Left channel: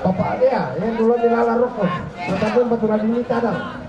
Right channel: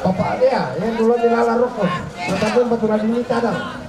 Bapak dia yang dulu dilalar rokok, tetapi betul ini cadang.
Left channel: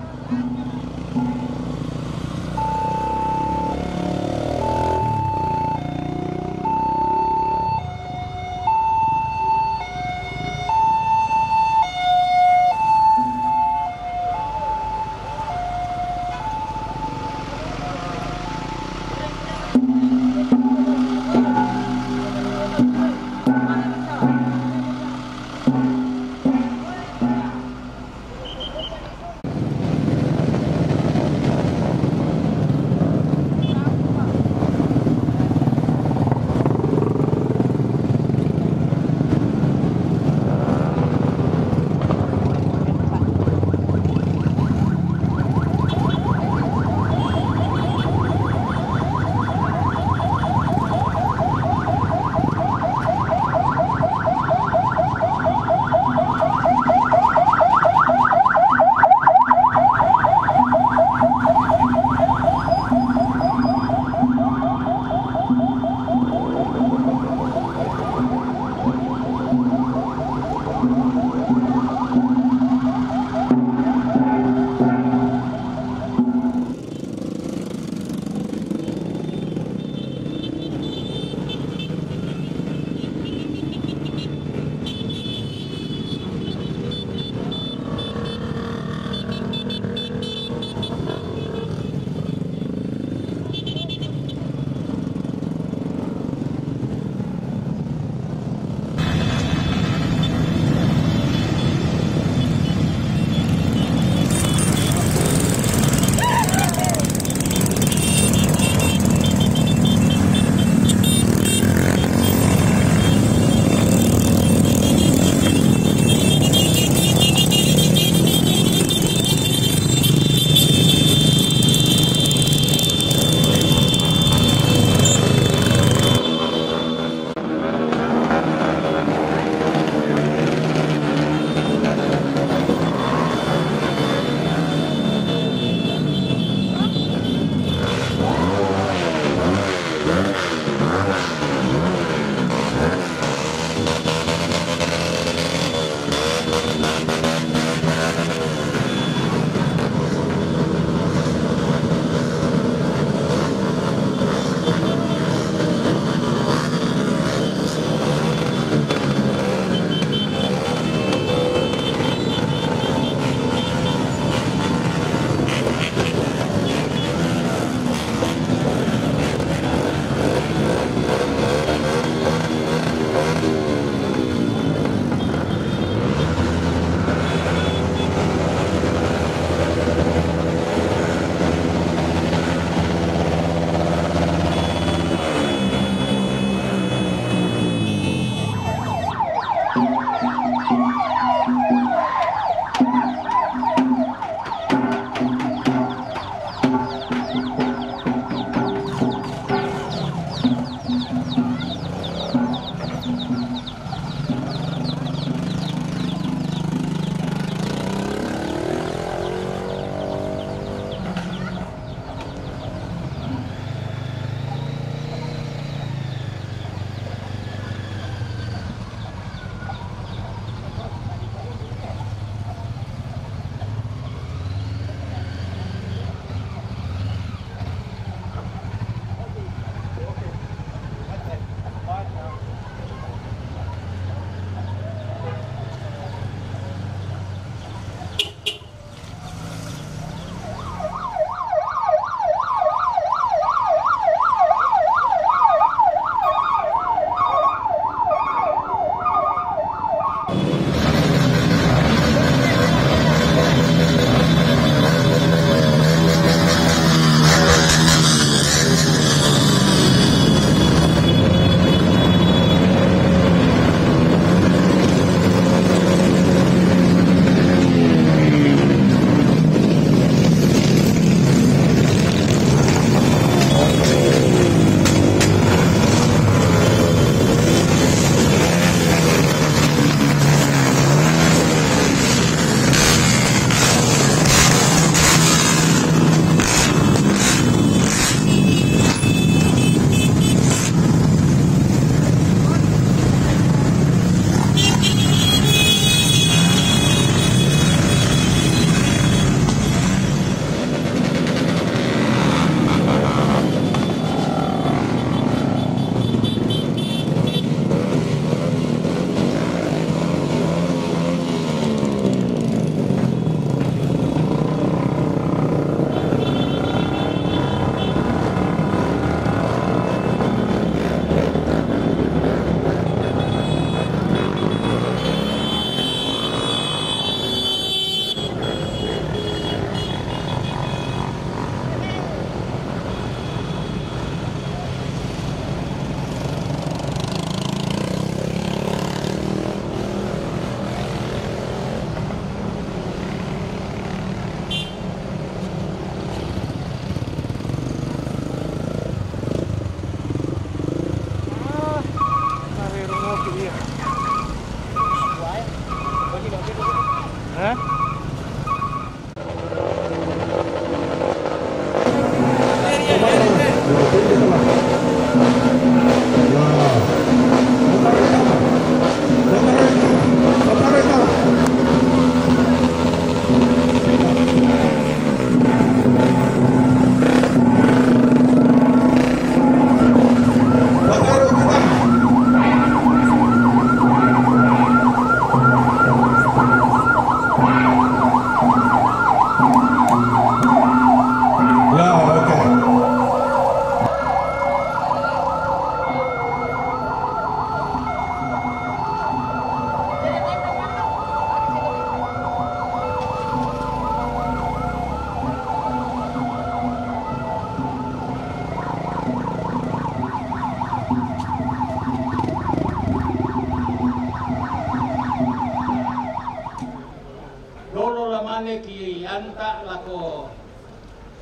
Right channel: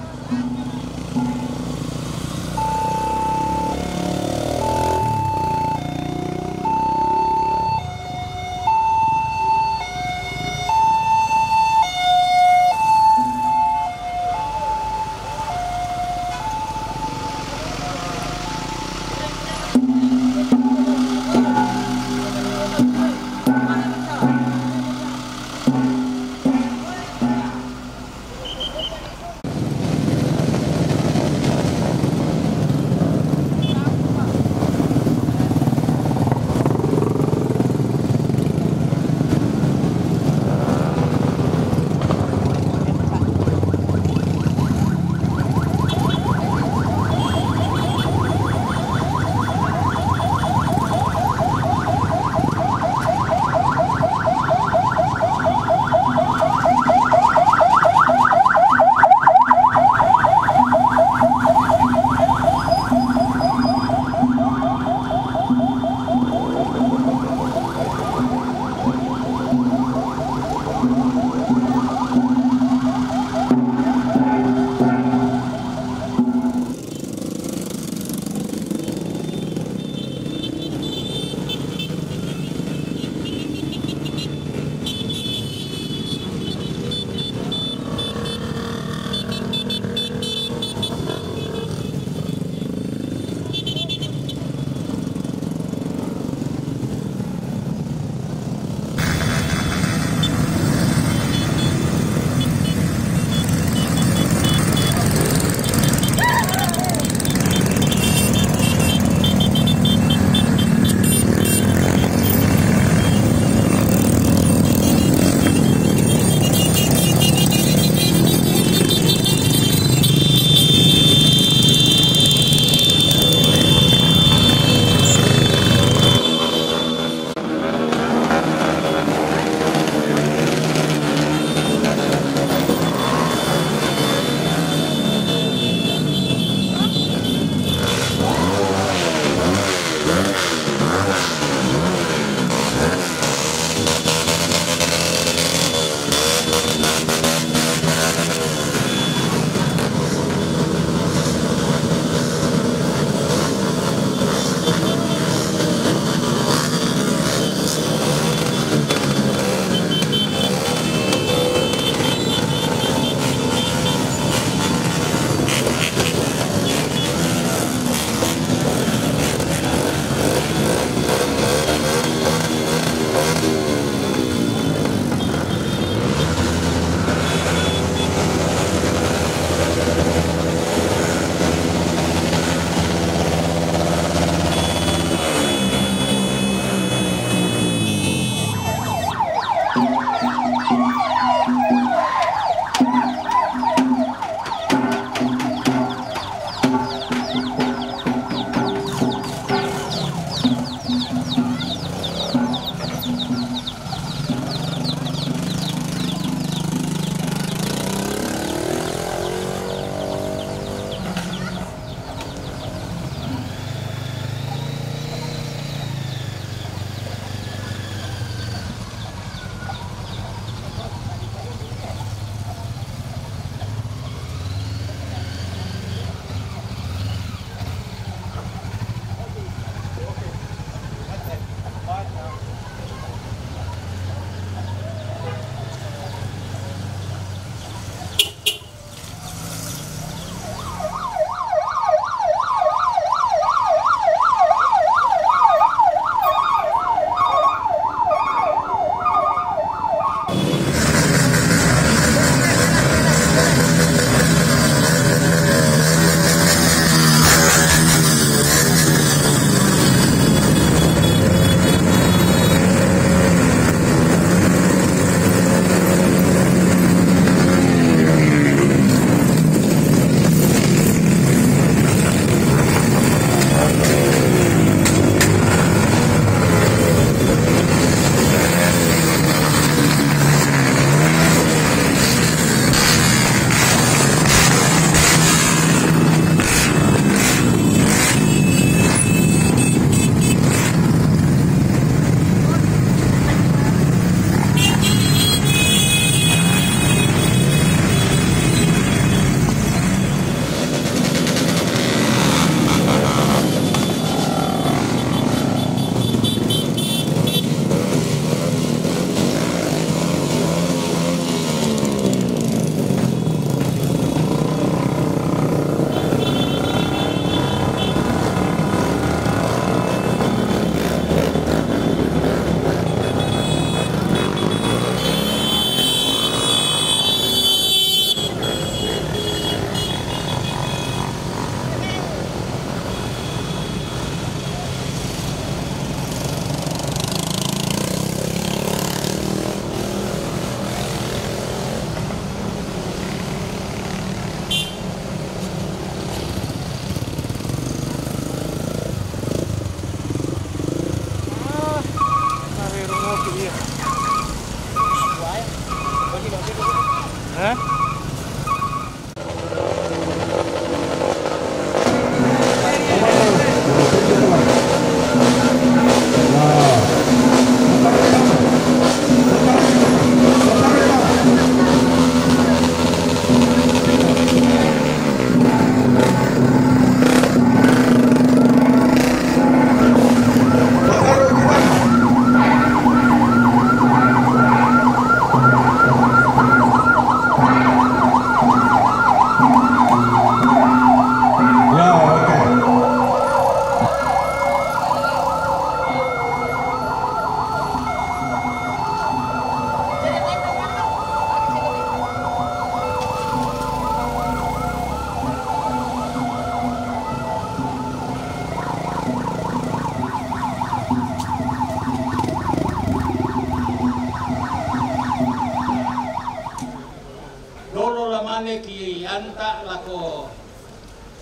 anta lako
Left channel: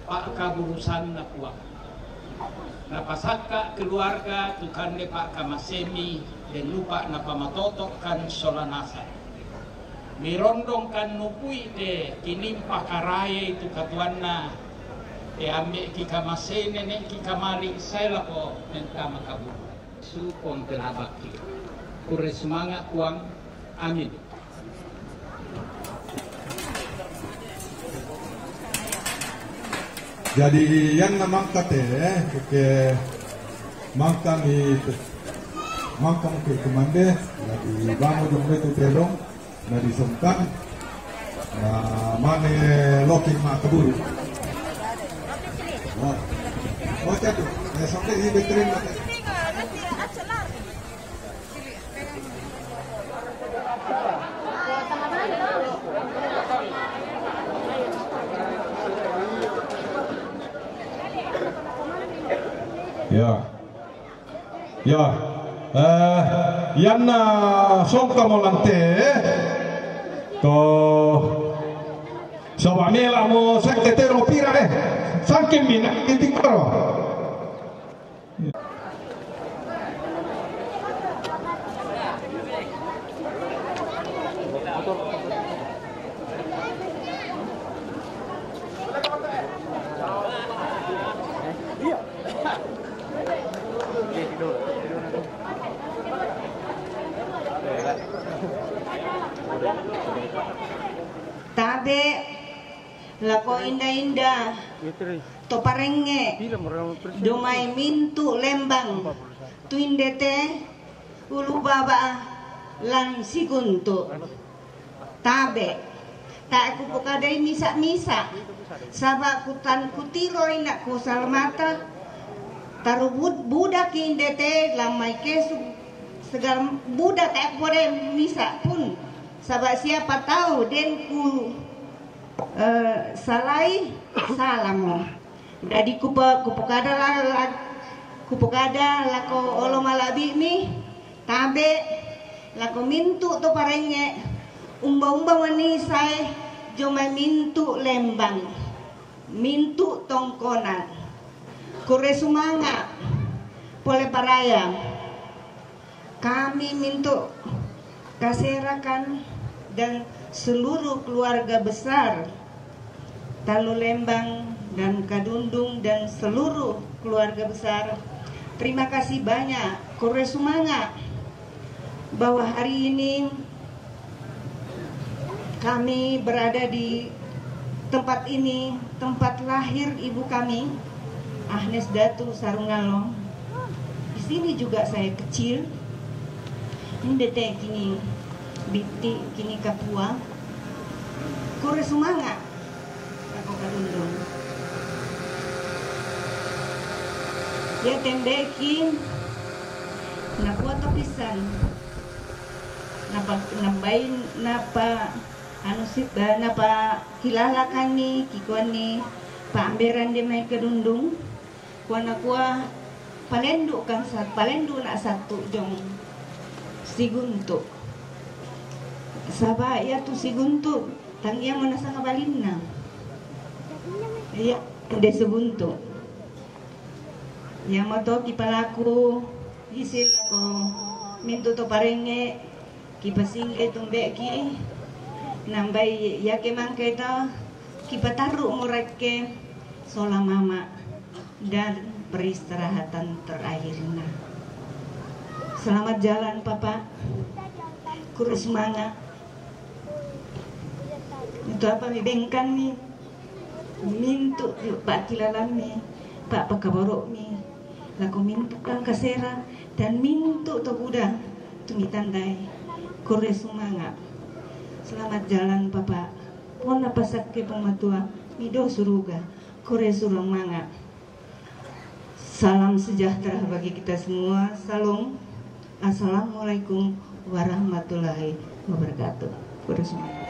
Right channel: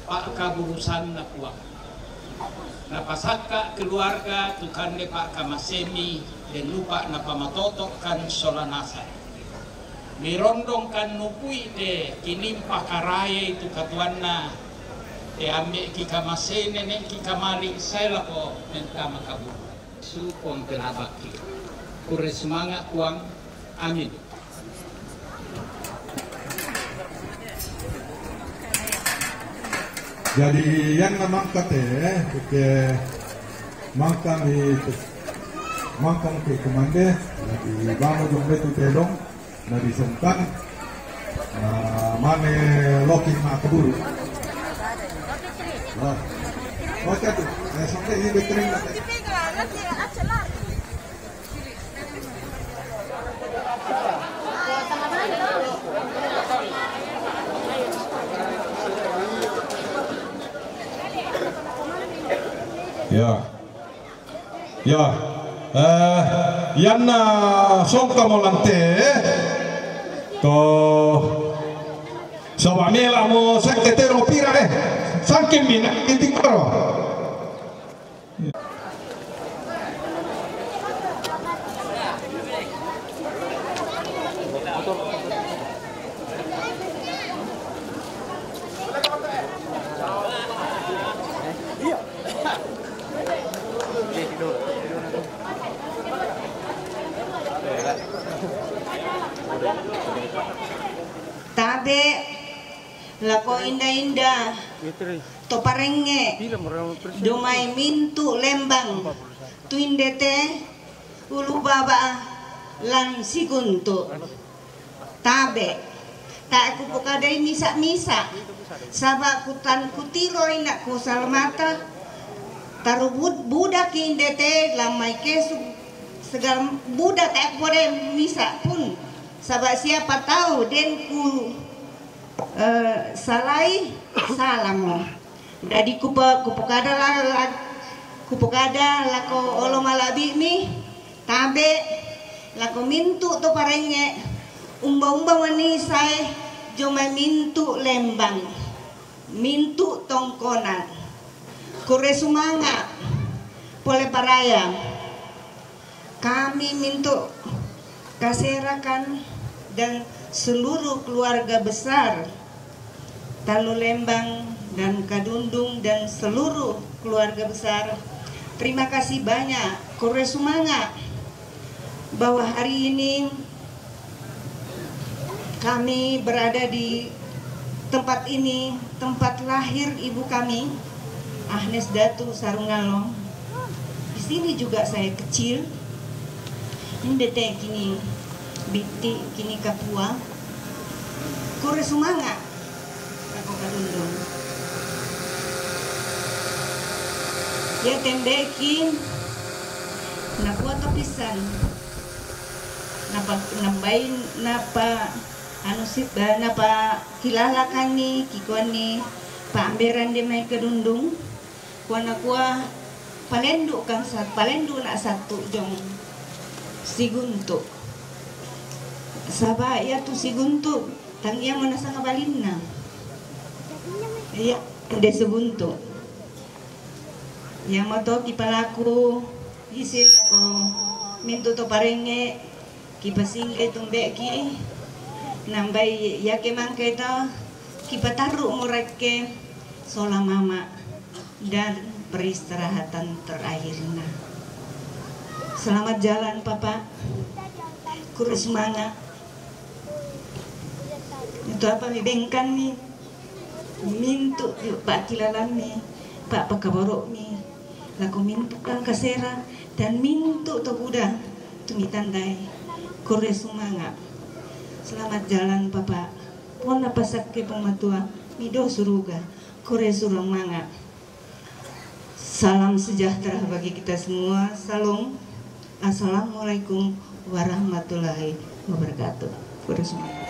pak kaburusan na kuak. Napasaka keluarga tukande pak kamasemi dan lupa napamatotok kan solanasa. Mirondong kan nupui de kinimpa karaya itu katuanna te ambe ki kamasene nen ki kamari saya lako menta makabur. Supong pelabaki. Kure semangat kuang. Amin. Jadi yang namangkat ke mangkang itu mangkang ke kemande jadi bangun jom itu telong dari sungkan mana lokin mak keburu. Oke tuh, sampai ini diterima. Yan na songka mo lante ko so mela mo sekretero pira sangkin min inting karo Tabe lako indah-indah toparenge dumai mintu lembang tuindete ulu baba lan siguntu tabe tak aku pokadai misa-misa sabak kutan kutiro inak ku salmata tarubud budak indete lamai kesu segala budak tak boleh misa pun sabak siapa tahu den ku salai salamo dari kupukada lako olo malabi mi tabe lako mintu to parenge umba wani sai joma mintu lembang mintu tongkonan kure sumanga pole paraya kami mintu kaserakan dan seluruh keluarga besar Talu Lembang dan Kadundung dan seluruh keluarga besar, terima kasih banyak kore sumanga bahwa hari ini kami berada di tempat ini, tempat lahir ibu kami Agnes Datu Sarungalong. Di sini juga saya kecil. Ini detek kini Biti kini Kapua kore sumanga aku Kadundung ya tembekin nakuat pisan nambahin napa anu sip napa kilalakan nih kikuan nih pameran di mai Kadundung kuana kuah palendu kan palendu nak satu jong siguntu Sabah ya tu siguntu tangia manasa kabalina iya de sebuntu yang mato kipalaku isil ako mintu to parenge kipasing tumbeki nambai yake mangketa kipataru murake sola mama dan peristirahatan terakhirnya. Selamat jalan papa kurus semangat itu apa bengkan nih mintu pak kilalan nih pak pakaborok nih laku mintu kan kasera dan mintu to kuda tumitandai kore semangat. Selamat jalan papa pon apa sakit pematua mido suruga kore surumangat. Salam sejahtera bagi kita semua. Salam. Assalamualaikum warahmatullahi wabarakatuh. Kore semangat.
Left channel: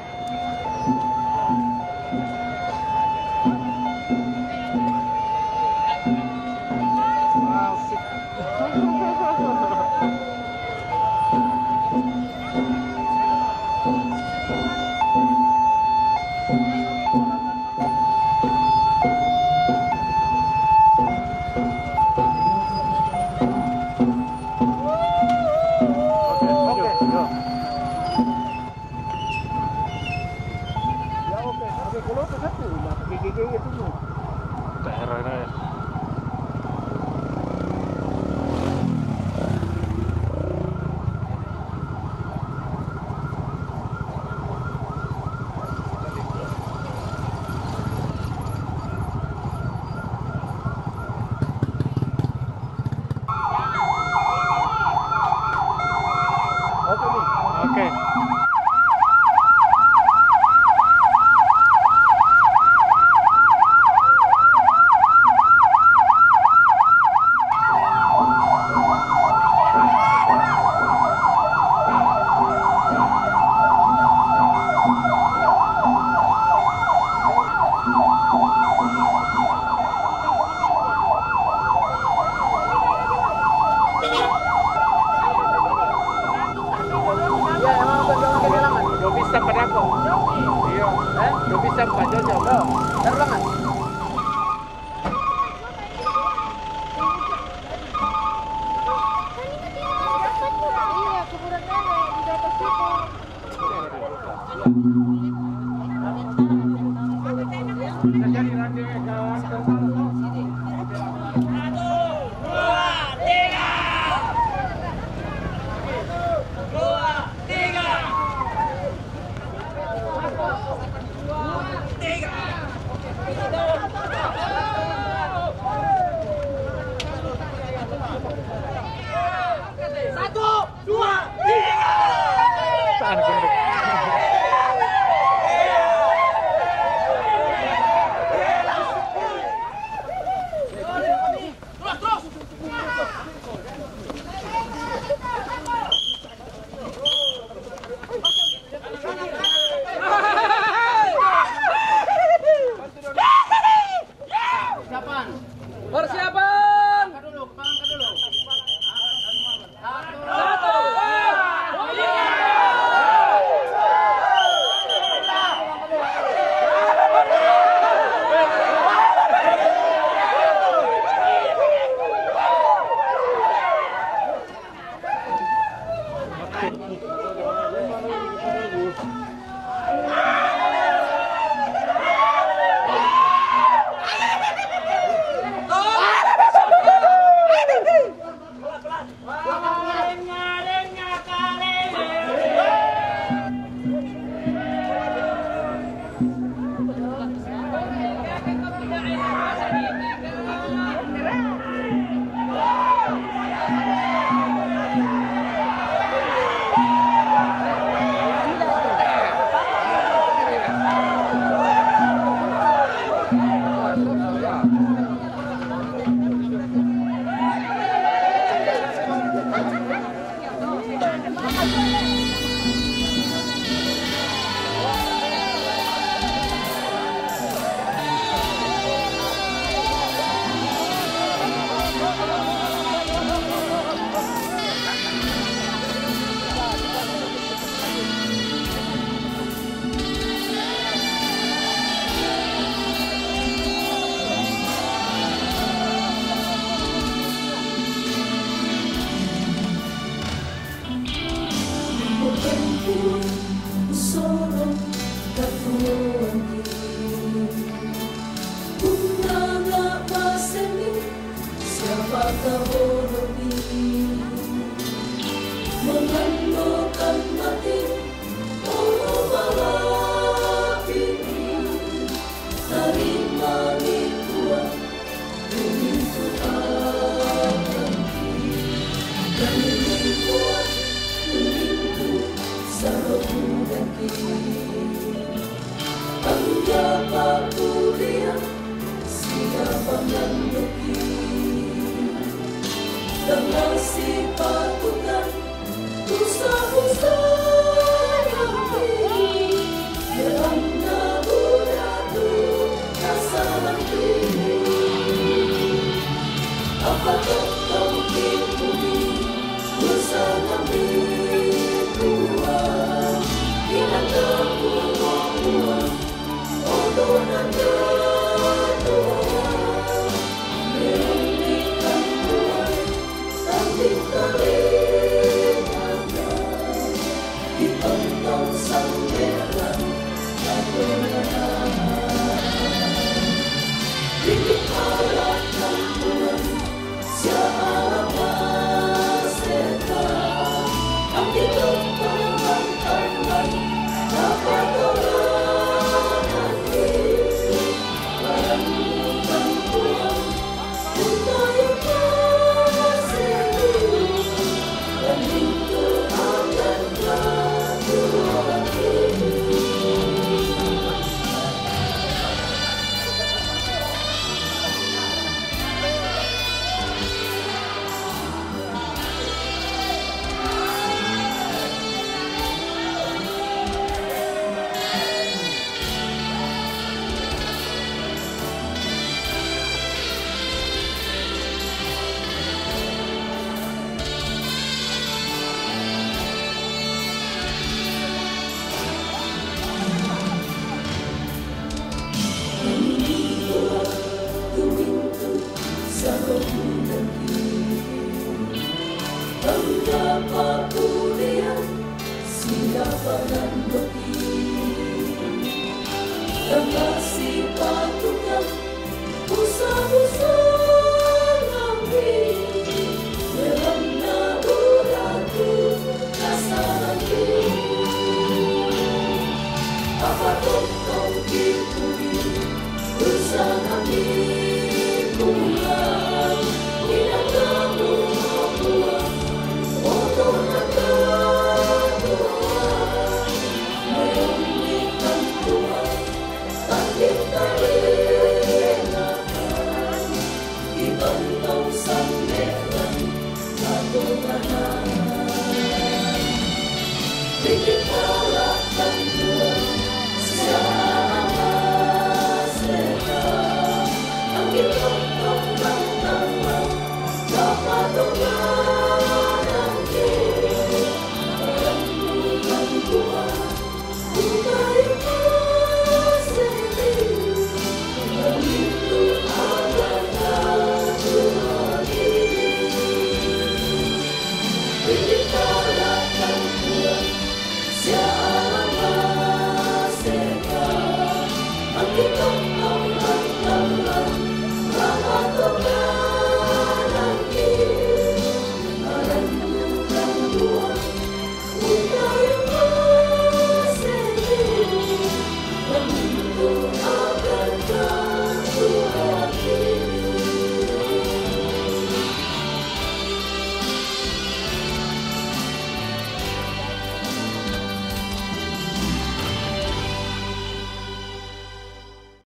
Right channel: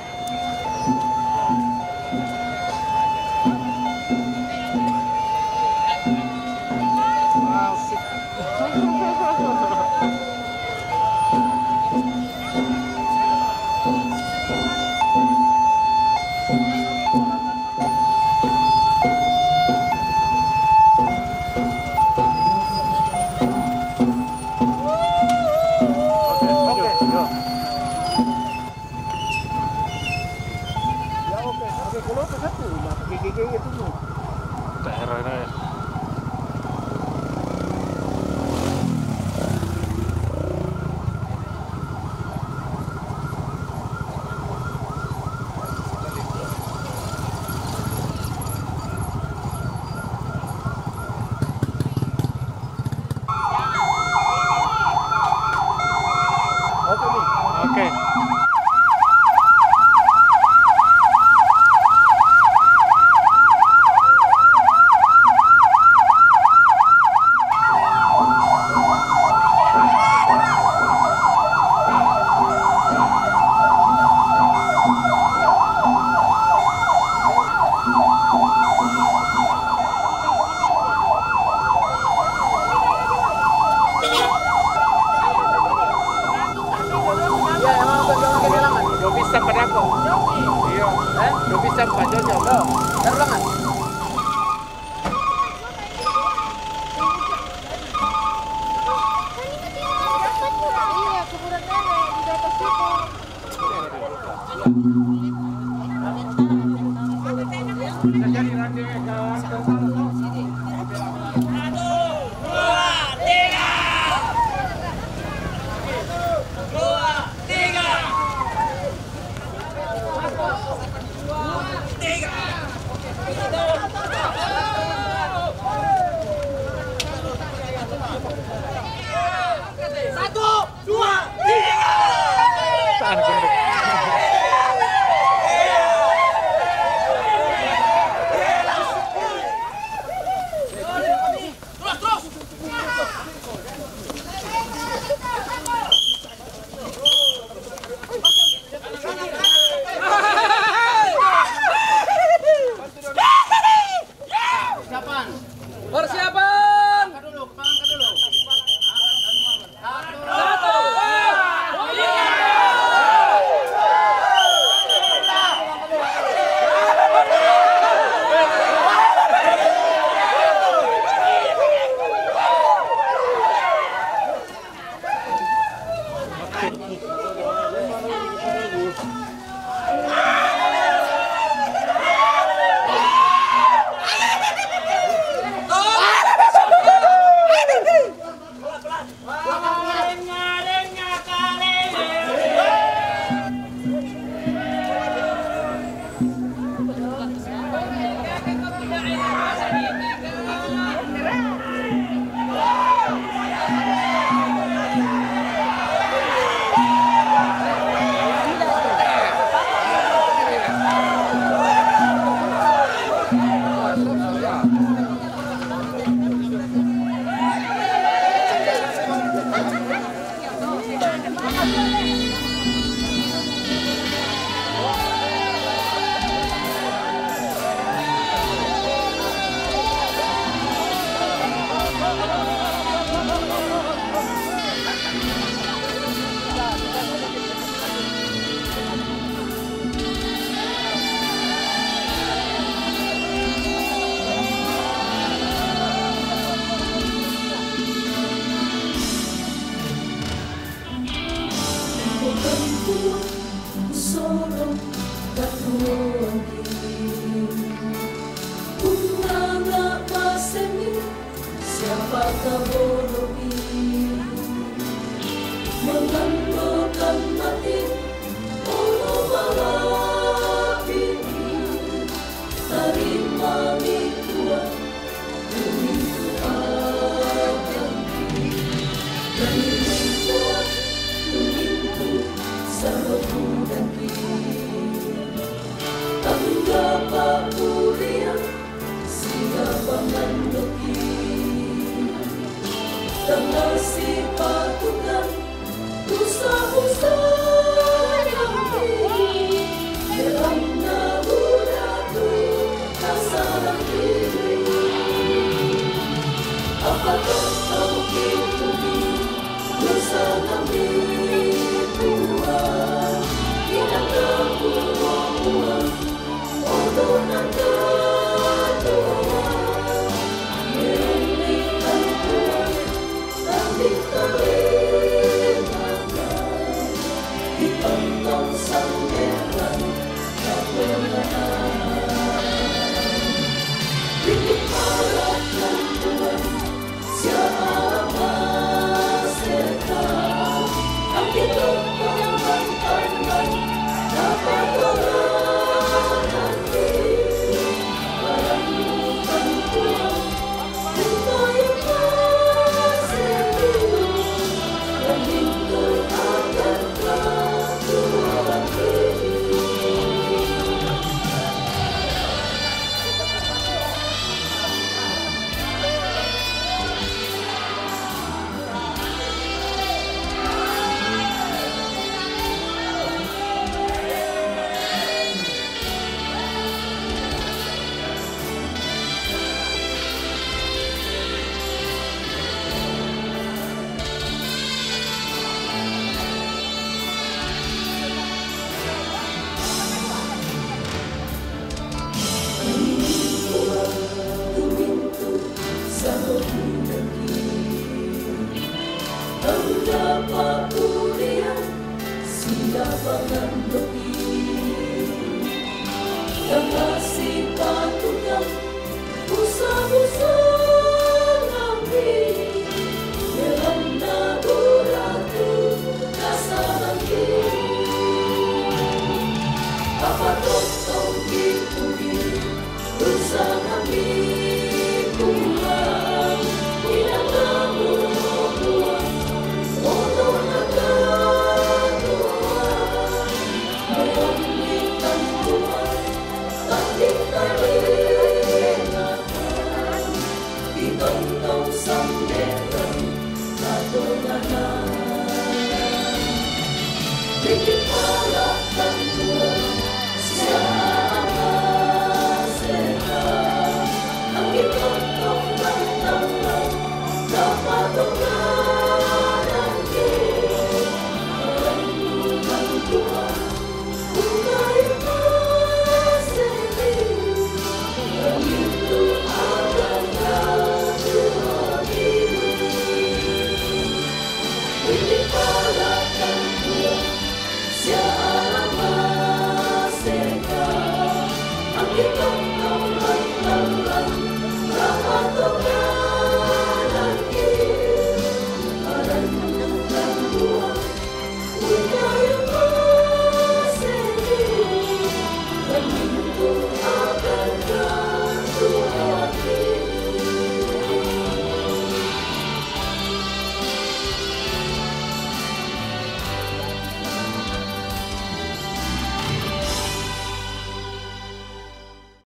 Oke. Kita Dapat kuliah siapa nanti yang kasih patukan busa-busa